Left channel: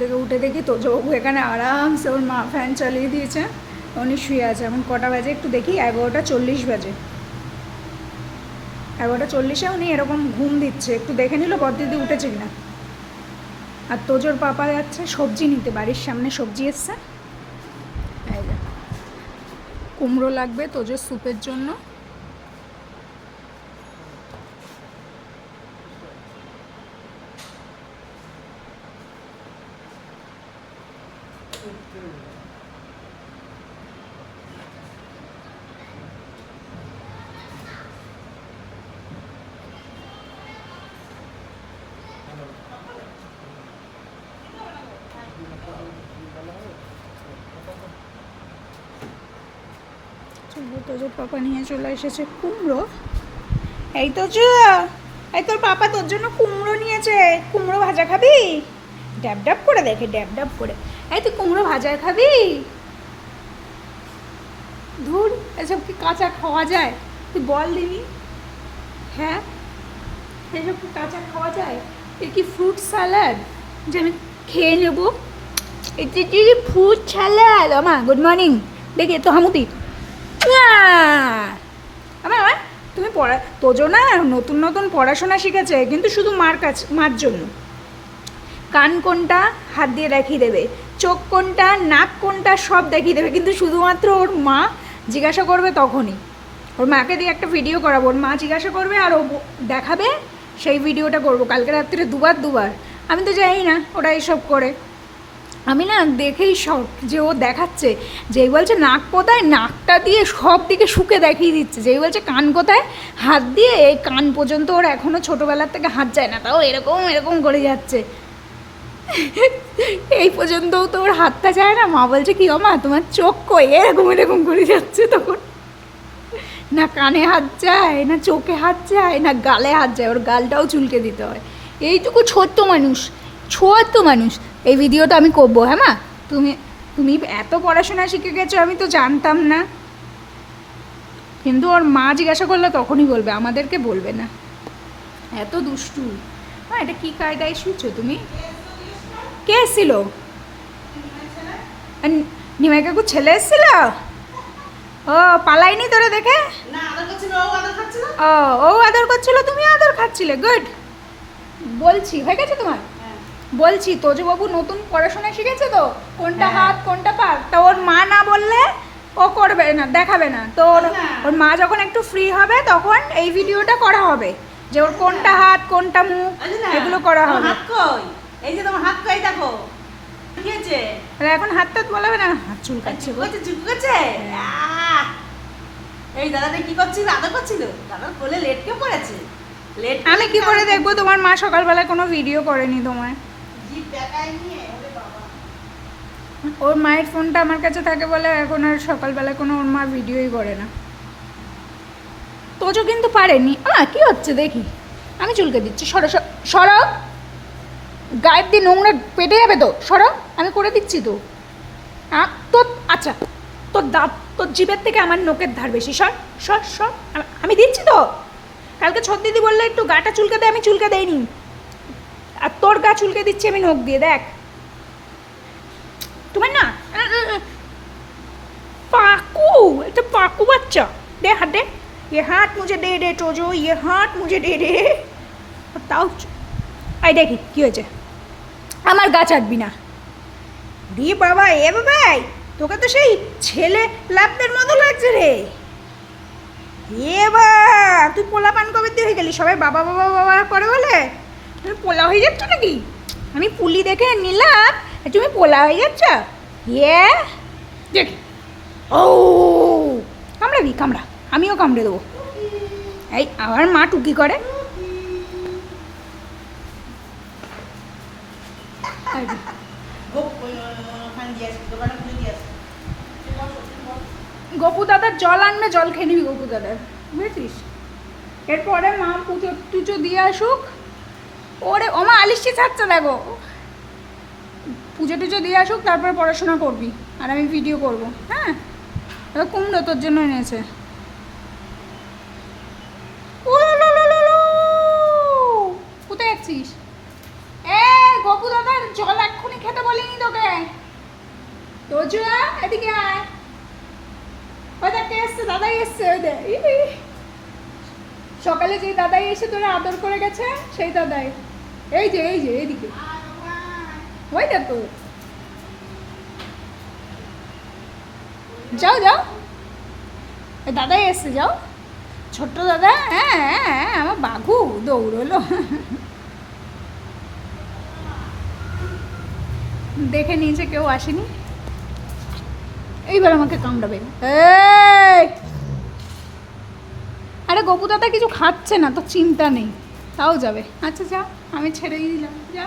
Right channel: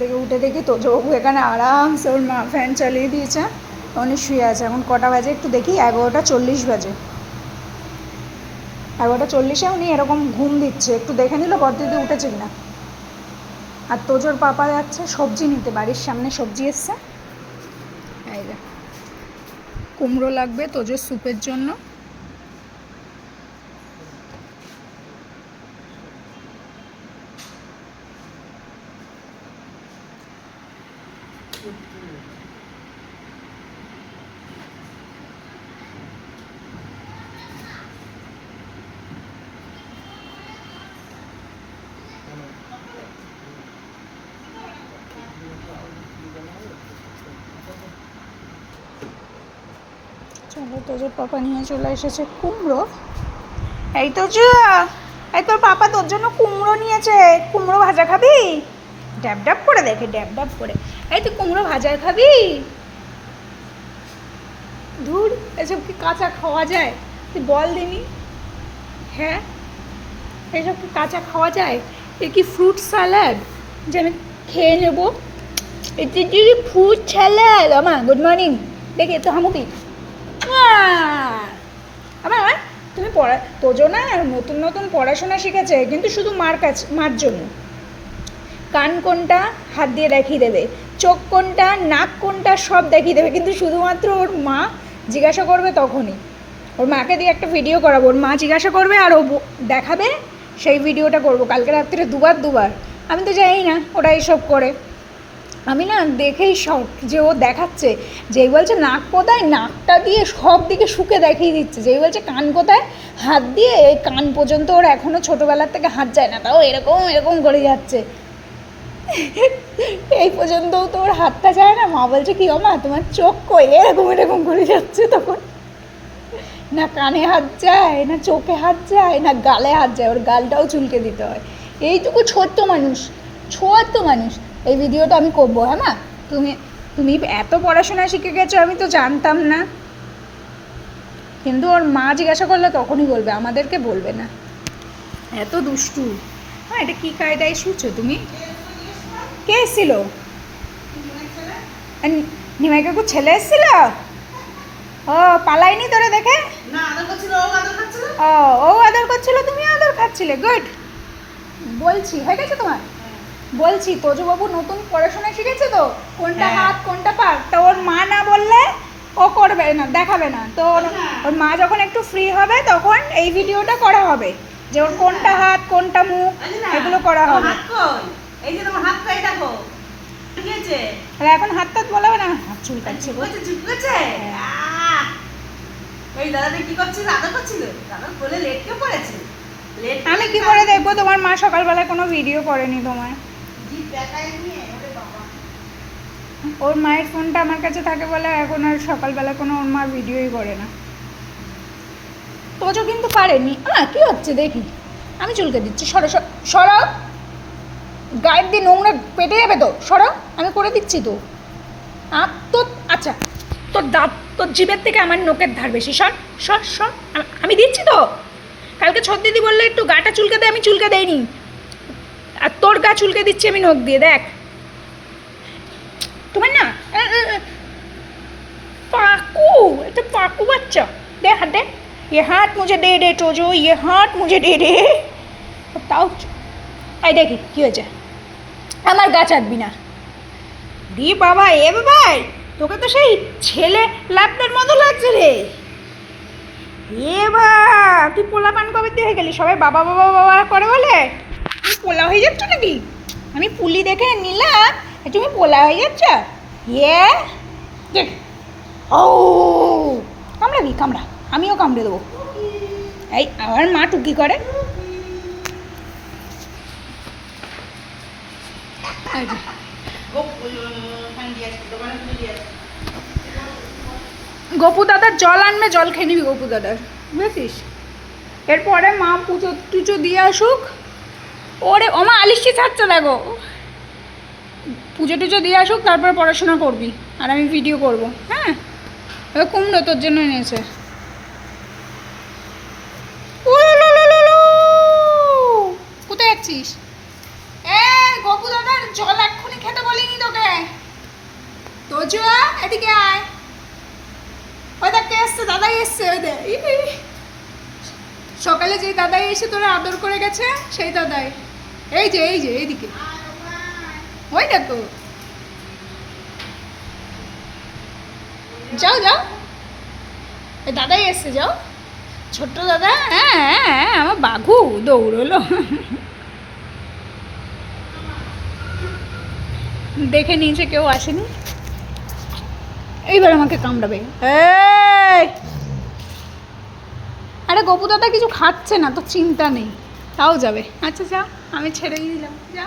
থেকে উঠে দেখি তো তোজবাবু এখানে আরামসে ওর মা ফ্যান চালিয়ে দিয়েছে। উনি শুয়ে আছে। এখন কটা বাজে একটু দেখি, এগারোটা চল্লিশ বাজে। এগারোটা চল্লিশে উনি এরকম ঘুম দিচ্ছে। একটু দেখে নিল বদিদি উঠেছে কিনা। আর তোজোর পাপা যাচ্ছে সবজি নিতে, বাড়ির সামনে সবজি এসছে। কুমড়ো লাগবে তোজোর স্যুপের জন্য। চলো তোজোর পাপা নিয়ে চলে এসেছে কুমড়ো। এই তোজো, এই তোর পাপা তোর জন্য কুমড়ো নিয়েছে। কুমড়ো ভাজা খাবি? ড্যাব ড্যাব করে দেখে ড্যাব ড্যাব করে। এই তুই কুমড়ো ভাজা খাবি? ধুর, এসব কি কাঁচা খাওয়া যায়? তুই বল দিনি। হ্যাঁ? এসব কি কাঁচা খাওয়া যায়? এ কি ফ্রুট স্যালাড যে আমি খেয়ে নেব। এটি কি ফ্রুট স্যালাড আমা গুড মর্নিং দেখি তো হামুদি আমার আমার তুমি পড়া, তোজো না নতুন নতুন পড়াশোনা শিখেছে, কিন্তু শুধু মার কাছে, মার জন্য। কান কোনটা, হাত দিয়ে দেখিয়ে দেবে। চোখ কোনটা, নাক কোনটা, সব দেখিয়ে দেবে। কিন্তু শুধুমাত্র ওর মা জিজ্ঞাসা করবে তখনই। ওর মাকে দিয়ে একটা ভিডিও করাবো। ওর মা জিজ্ঞাসা করবে আর ও দেখাবে সেই ভিডিওটা করব। কালকে রাত্রে দুবার দুবার। আমি তো জানি না, ওরা এইসব করে। আমি না দেখেই শখ যে ও দেখাচ্ছে। যেই বলছে নাক কোথায়, নাকটা দিয়ে সব দিকে শুকে দেখিয়ে দিচ্ছে। যেই বলছে কান কোথায়, হাত দিয়ে এই কান পর্যন্ত ওর এখনও ছোটোবেলার থেকে হাত যায় না। তাও এরকম এরকম করে যাচ্ছে। এই পর্যন্তও তো ওর হাতটা যায় না। মা বলছে, কি মা, তোমার চোখ কই? এরকম এরকম করে যাচ্ছে তখন। না কানে হাত যায়, না চোখে হাত যায়, না গালে হাত যায়, ওর গালটাও চুলকে দিতে হয়। এইটুকু ছোট্ট মানুষ ছোট্ট মানুষ। এই ভিডিওটা আমি করব হ্যাঁ মা? তুমি তুমি এত পড়াশোনা শিখে গেছো, আমি তো জানতাম না। কিন্তু ওর মা জিজ্ঞাসা করলে তখনই বলবে, আমাদেরকে বলবে না। এত দুষ্টু। হ্যাঁ এটা কী কায়দায় শুছো তুমি? কে এসেছিল? নিমাই কাকু ছেলে এসেছিল? ও পালাইনি তোরে দেখে? ও ও আদর করছিল তুমি আদর খাচ্ছিলে গুড। বলছি হয়ে গেছে তোমার? বলছি তোজবাবু নতুন পড়াশোনা শিখেছে তো? কোনটা হ্যাঁ। হাত কোনটা পা? তা ওর মা না বললে ও করবে না দেখাবে না। তো ওর- আচ্ছা। মা যখন একটু ফ্রি হবে তখন এই ভিডিওটা করা হবে। যে ওর কোনটা হাত কোনটা মুখ এগুলো করা হবে? এই যে তোমার হাত কই দেখো আছে? এখন হাত টাত না হাত চুলকাচ্ছে। কইতে চিপকেছে এই দাদা কি করছিল আদর করছিল? দাদা কোলে লেটকে পড়েছে। আমি কি করে দেখব? তোমার মা সকালবেলায় কোনো ভিডিও করেনি তোমার ওর মায়ের ফোনটা আমার কাছে থাকে বলে এখন আর সকালবেলা কোনো ওর মা ভিডিওই করে না। তোজো কিন্তু পারেনি। আ কি হচ্ছে দেখি। আমি চুলকে দিচ্ছি সর- সরো। গায়ের দিয়ে নোংরা পেটে যাবে তো সরো আমি করে দিচ্ছি তো আ- তোর আচ্ছা তোর দাঁত তোর জিভের থেকে আমার নোকের ধার বেশি সর সর সর আ- আমি দিচ্ছি তো কালকে ছত দিদি বললে একটু গাটা চুলকে দে আমি চুলকে দেইনি আর তোর গা চুলকে দিচ্ছি আমি নখ দিয়ে দেখ তোমার না আ, আ, আ, पाकू तो पाकू बच्चा दे हाथ दे ये हाथ मुझे दे दे टोजो ये हाथ मुझे दे दे তাও এই দেখি, কী হয়েছে? আমার গাছ আঁকবি না। রে বাবা, এ বাবাই তোকে তো সেই ছেলে ল্যাপদের মতো লাগছে রে। এ বা, তুই পোলা পান কবে হয়ে গেলি? সবাই বাবা বাবা বাবা করে বলে। তুমি পোলা হয়ে যাচ্ছ নাকি? আমি পুলি দেখে নিলাম তুমি পোলা হয়ে যাচ্ছ। ইয়ে দেখ। ও, কামড়াবি, কামড়া। আমিও কামড়ে দেবো। এই, আমার মা টুকি করে এই যে, গোপ দাদার জল আনবে জল খেয়ে নিবি গপু দাদার বুঝেছিস? এরপরে মা পুজো টুচো দিয়ে আসুক। ওরে ওমা আলিশি ছাড়ছে দেখো। পুজো টুজো দিয়ে আসুক তারপরে পড়াশোনা করবি আর আমি ভিডিও করব হ্যাঁ? এবার কুমড়ো তোর জন্য এনেছে। কোথায় যাচ্ছিস? এ গপু দাদার জল এক্ষুনি খেতে বলে তোজো এদিকে আয় ওই দেখ কে এসছে দাদাই এসছে ওই ই। সকালে যে দাদাই এসে তোরা আদর করে গেছে সেই দাদাই এই যে এই যে এইদিকে ওই দেখো যাও যাও দাদাই এসছে যাও ছোট্ট দাদা হ্যাঁ, হ্যাঁ আমার বাঘু দৌড়লো দেখে নিয়েছে, কেউ আসেনি। এইবার আমাকে কামড়াবে। আরে গপু দাদা কিছু খাচ্ছে না, তো চিন্তা নেই। তাও যাবে। আচ্ছা যা, আমি ছেড়েই দিলাম। যা।